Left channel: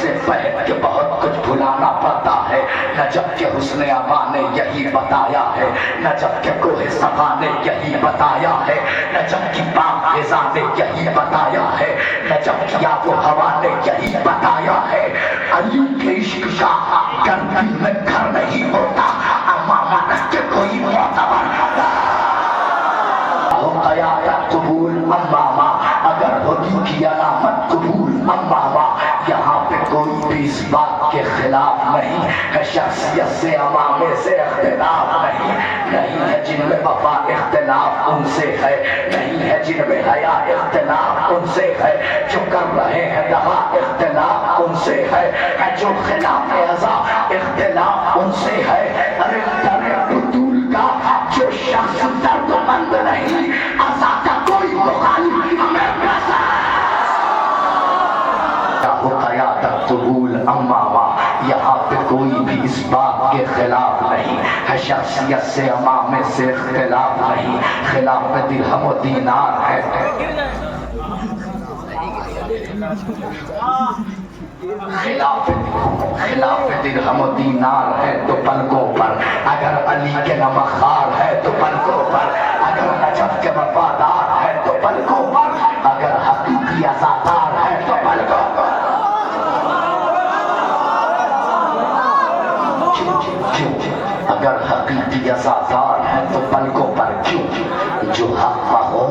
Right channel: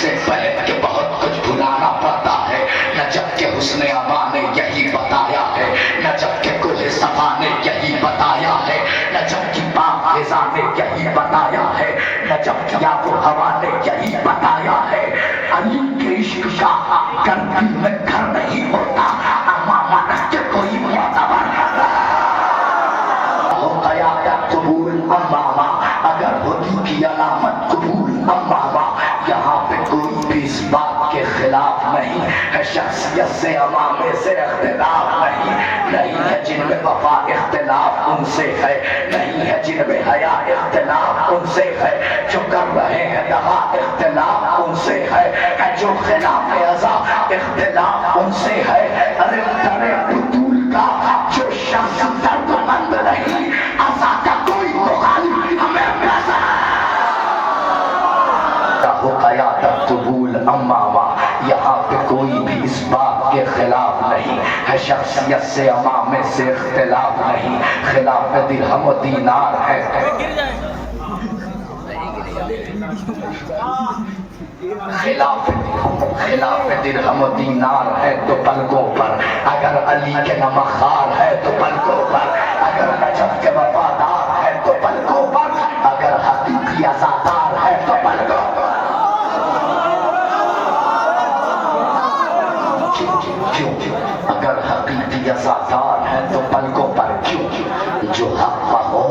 سے بیٹھ کے بہت کچھ بھلانا پڑتا ہے، نجف کے حسن اما نے یہی بتایا ہے، نجف کے کوہ صفا نے یہی بتایا ہے، نجف کی پاک فضا نے یہی بتایا ہے، نجف کی آب و ہوا نے یہی بتایا ہے، علی کے عشق کا گرمی میں گھر نہیں ہوتا، امامہ کے کوئی معتبر ہو قیادت قبول امامہ، اگر ہوگی کی علامت قبول امامہ، یہاں پہ کوئی بھی اس بات کے خلاف نہیں ہے، شخصیت سے امامے سے اختلاف نہیں ہے جن میں وفا اختلاف ان سے ہے، نہیں ہے جن میں حیا اختلاف ان سے ہے، جو کر رہے ہیں دعا اختلاف ان سے ہے جو خلاف ازا اختلاف ان سے ہے، ارے درے بطول کا جو شخص درد مند نہیں، ازا کا کوئی مخالف ہمیں ہو قیادت قبول امامہ، یہاں پہ کوئی بھی اس بات کے خلاف نہیں ہے، شخصیت سے امامے سے اختلاف نہیں، خلاف درہم و دینار ہے، خلاف درہم و دینار ہے تو پلکوں پر، اگر علی کے نمخار ہے تو پلکوں پر، اگر نجف کے وفادار ہے تو پلکوں پر، اگر حقیقی عزادار ہے تو پلکوں پر، اگر حقیقی عزادار ہے تو پلکوں پر کیوں، جو حق ہو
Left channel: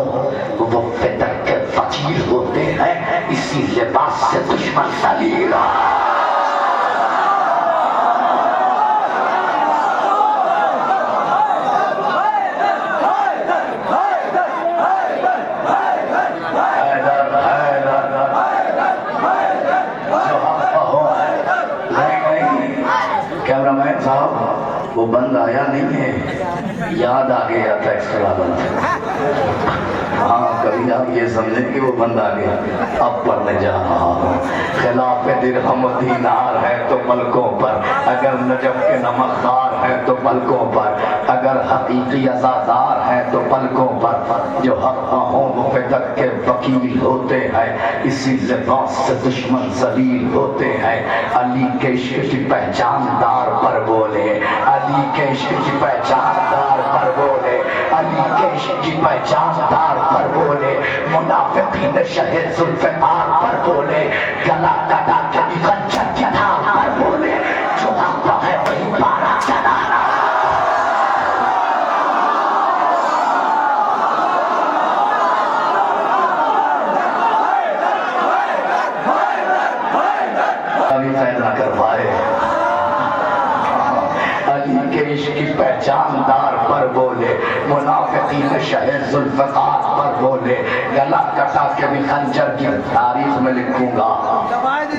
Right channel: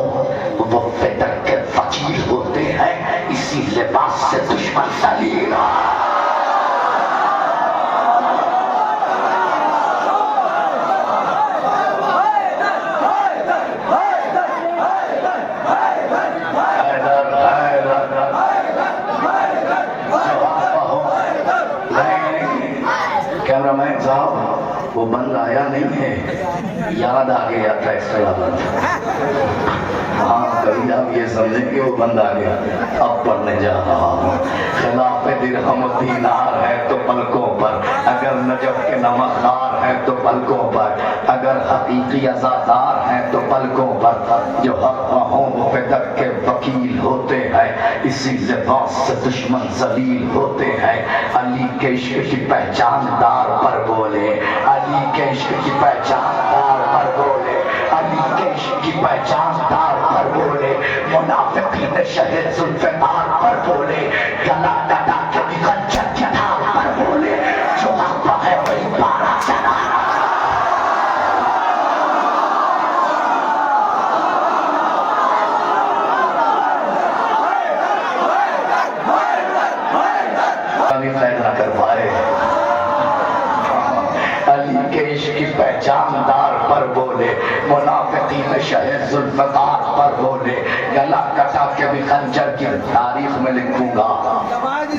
وہ فدر کے فقیر ہوتے ہیں، اسی لباس سے دشمن ذلیل وہ بند آیا نہیں ہے، یاد آ گیا تھا اصطلاح بند، ہاں کبھی آپ یہ سمجھیں کہ وہ بند آ گیا، اب پڑھنے جا رہا ہوں، خلاف درہم و دینار ہے تو پلکوں پر، اگر نجف کے نمخار ہے تو پلکوں پر، اگر حقیقی عزادار ہے تو پلکوں پر، جو حق ہوں وہ فدر کے وکیل ہوتے ہیں، اسی لباس سے دشمن ذلیل ہوتے ہیں، علی کے عشق کی پہچان دار پر بولے، علی کے عشق کی پہچان دار پر بولے، علی کے عشق کی پہچان دار پر بولے، منافقین شہد ذوالفقار پر بولے، گلا کٹا کے بھی خنجر کی دھار پر بولے، جو حق ہے وہی پارا چلا، کبھی قید نہ کر پائے، علی کے عشق کی پہچان دار پر بولے، منافقین شہد ذوالفقار پر بولے، گلا کٹا کے بھی خنجر کی تاریخ میں لکھوں گا،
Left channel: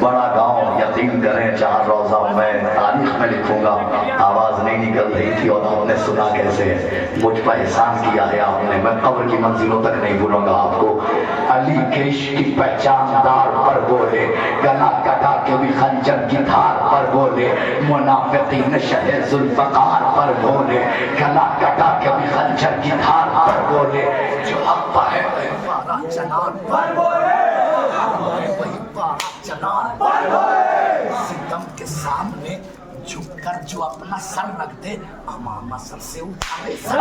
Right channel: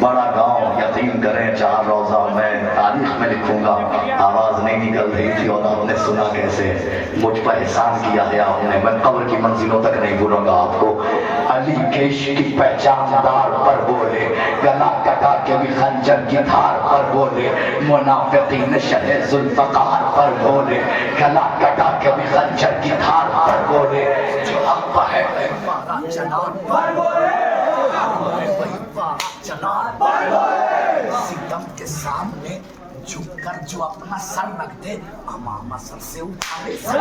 بڑا گاؤں یقین کریں جہاں روزہ میں تاریخ میں لکھوں گا، آواز نہیں نکل رہی تھی اور آپ نے سنا کیسے، مجھ پر احسان کیا ہے آپ نے، میں قبر کی منزلوں تک نہیں بھولوں گا آپ کو، علی کے عشق کی پہچان دار پر بولے، گلا کٹا کے بھی خنجر کی دھار پر بولے، منافقین شہد ذوالفقار پر بولے، گلا کٹا کے بھی خنجر کی دھار پر بولے، جو حق ہے وہی پارا چنان پر بولے، وہی پارا چنان پر بولے، ستم کے سامنے جھک کر جو اپنا سر رکھ دے، امامہ سر سے اٹھائے سر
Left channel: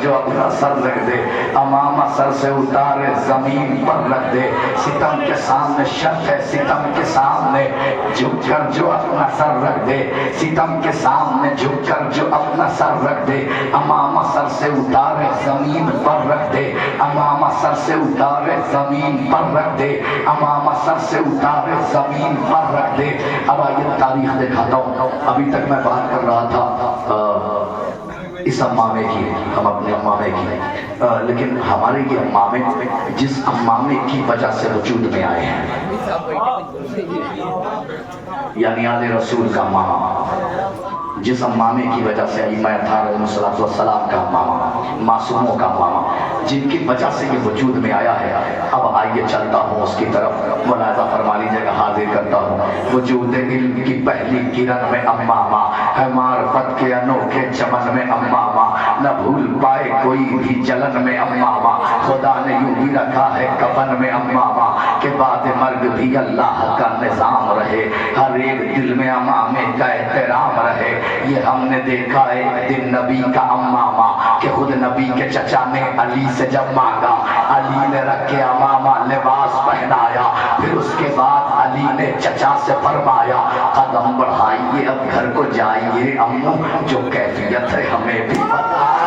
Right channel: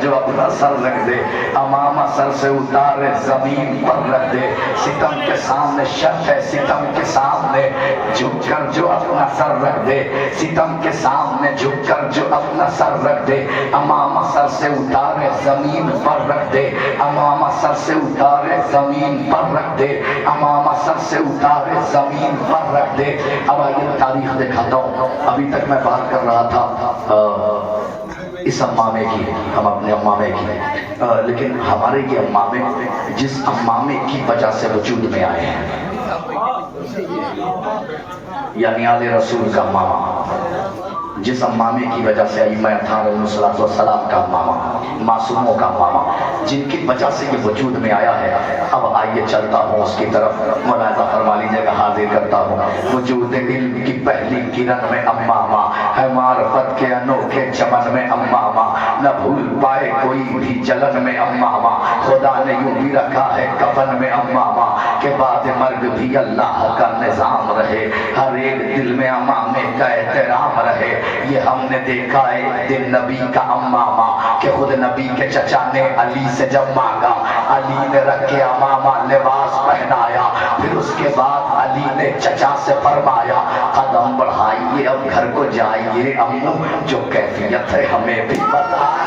جو اپنا سر رکھ دے، امامہ سر سے اتارے زمین پر رکھ دے، ستم کے سامنے شک ہے، ستم کے سامنے جھک کر جو اپنا سر رکھ دے، ستم کے سامنے جھک کر جو اپنا سر رکھ دے، امامہ سر سے اتارے زمین پر رکھ دے، امامہ سر سے اتارے زمین پر رکھ دے، امامہ سر سے اتارے زمین پر رکھ دے۔ اب آئیے تاریخ دکھاتا ہوں، ابھی تک میں بات کر رہا تھا اس امامے کی، ہم اپنے امامے کی، لیکن ہمارے یہ امامے جس امامے کی وجہ سے وجود میں آئے ہیں، یعنی آل رسول کا ماما، جس امامے کی وجہ سے ائمہ اطہار علیہ السلام کا ماما، معصوموں کا ماما، جن کی وجہ سے یہ وجود میں آیا ہے. اب آئیے چلتا ہوں اس کی طرف، ملاحظہ فرما لیجیے گا، حاضر کرتا ہوں. وجود علم کی پہلی کرن میں امامہ ہے، معرفت کے انوکھے چمن میں امامہ، نہ بھول پائے کوئی بھی جلن میں امامہ، خدا نے یوں بھی رکھا ہے کفن میں امامہ کہ بعد مرگ بھی اللہ کا نظام رہے، ہر ایک دل میں امامے کا احترام رہے. یہ ہم نے دیکھا ایک دن نبی کا امامہ کہ خود نبی کے چچا نے علی سے جب مانگا، علی نے رکھ کے امامہ لباس پہنایا. پھر اس کے بعد علی نے چچا سے فرمایا قدم بڑھائیے اب گھر کو جائیے امو، جو کیفیت ہے ہمیں بھی بتائیے.